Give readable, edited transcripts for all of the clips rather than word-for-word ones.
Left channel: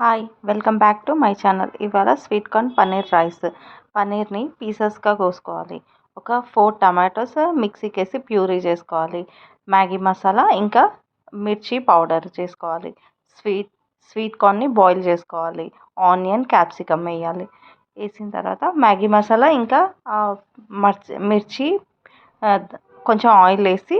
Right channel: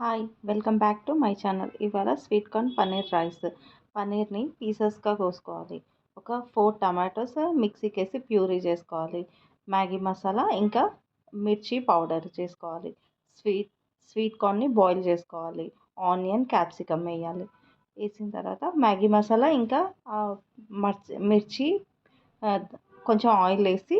Hi welcome back to my channel. ఇవాళ sweet corn paneer rice. పన్నీర్ని పీసెస్గా కోసుకోవాలి. ఒక 4 టమాటోస్ మిక్సీకి వేసి ప్యూరీ చేసుకోవాలి. మ్యాగీ మసాలా ఇంకా మిర్చి పౌడర్ చేసుకోవాలి. స్వీట్ స్వీట్ కార్న్ని బాయిల్ చేసుకోవాలి. ఆనియన్ క్యాప్సికమ్ వేయాలి. వేసిన తర్వాత మ్యాగీ మసాలా ఇంకా మిర్చి ఆ, కొంచెం ఆయిల్ వేసి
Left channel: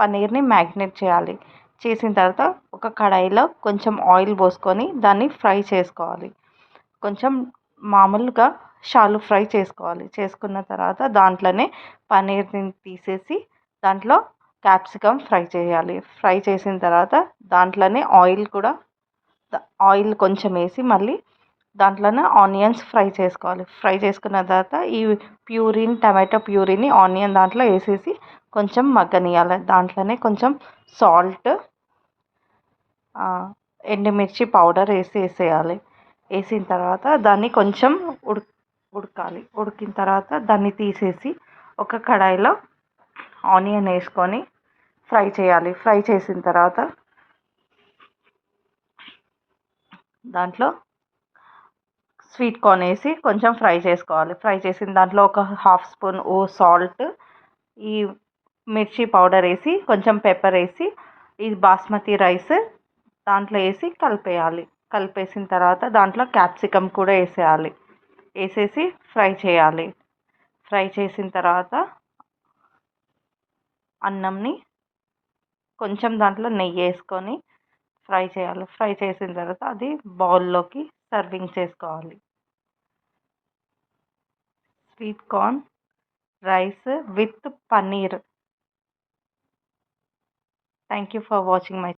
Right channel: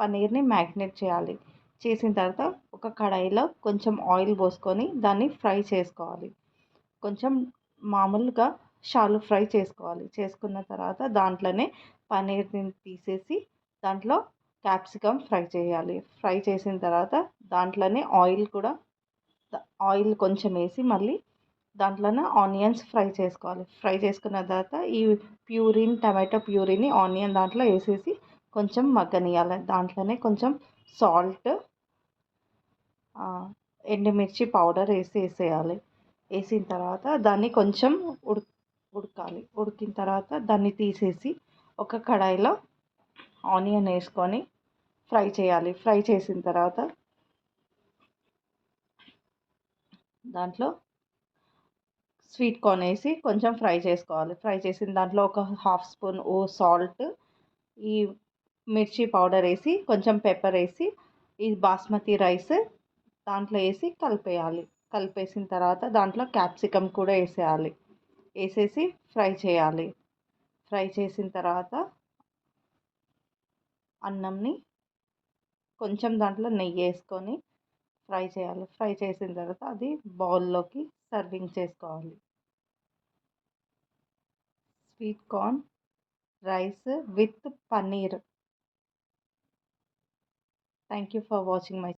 పన్నీర్ని మ్యాగ్నేట్ చేయాలి. చేసిన తర్వాత ఒక కడాయిలో కొంచెం ఆయిల్ పోసుకొని దాన్ని ఫ్రై చేసుకోవాలి. కొంచెం మామూలుగా షాలో ఫ్రై చేసుకోవాలి. చేసుకున్న తర్వాత దాంట్లోనే పన్నీర్ని తీసేసి దాంట్లో క్యాప్సికమ్ ఫ్రై చేయాలి. ఫ్రై చేసిన తర్వాత దాంట్లోనే ఆయిల్ కొంచెం వేసి మళ్ళీ దాంట్లోనే ఆనియన్స్ ఫ్రై చేసుకోవాలి. ఫ్రై చేసుకున్న తర్వాత ఈ టమాటో ప్యూరీని ఆనియన్ దాంట్లో వేసేసి కొంచెం మగ్గనియాలి. దాంట్లోనే కొంచెం సాల్ట్, ఎండుమిర్చి పౌడర్ వేసేయాలి. వేసిన తర్వాత దాన్ని కొంచెం ఉడకాలి. ఉడికిన తర్వాత దాన్ని తీసేసి ఒక కడాయిలో ఆనియన్ వేసుకొని ఫ్రై చేయాలి. ఫ్రై చేసిన తర్వాత దాంట్లో స్వీట్ కార్న్ వేసి కొంచెం ఫ్రై చేసుకోవాలి. ఫ్రై చేసిన దాంట్లో ఒక హాఫ్ స్పూన్ సాల్ట్, ఈ మిర్చి పౌడర్ వేసి కొంచెం పెప్పర్ వేసి ఈ బాస్మతి రైస్ దాంట్లో వేసి కలిపేయాలి. కలిపేసిన తర్వాత దాంట్లో క్యాప్సికమ్ కూడా వేసేయాలి. వేసేసి ఫ్రై చేయాలి. ఫ్రై చేసిన తర్వాత అన్నంని కొంచెం దాంట్లో నెయ్యి వేసుకొని ఫ్రై చేయాలి. ఫ్రై చేసిన తర్వాత అది బౌల్లోకి సర్వింగ్ చేసుకోవాలి. Sweet corn rice with paneer. Thank you for watching my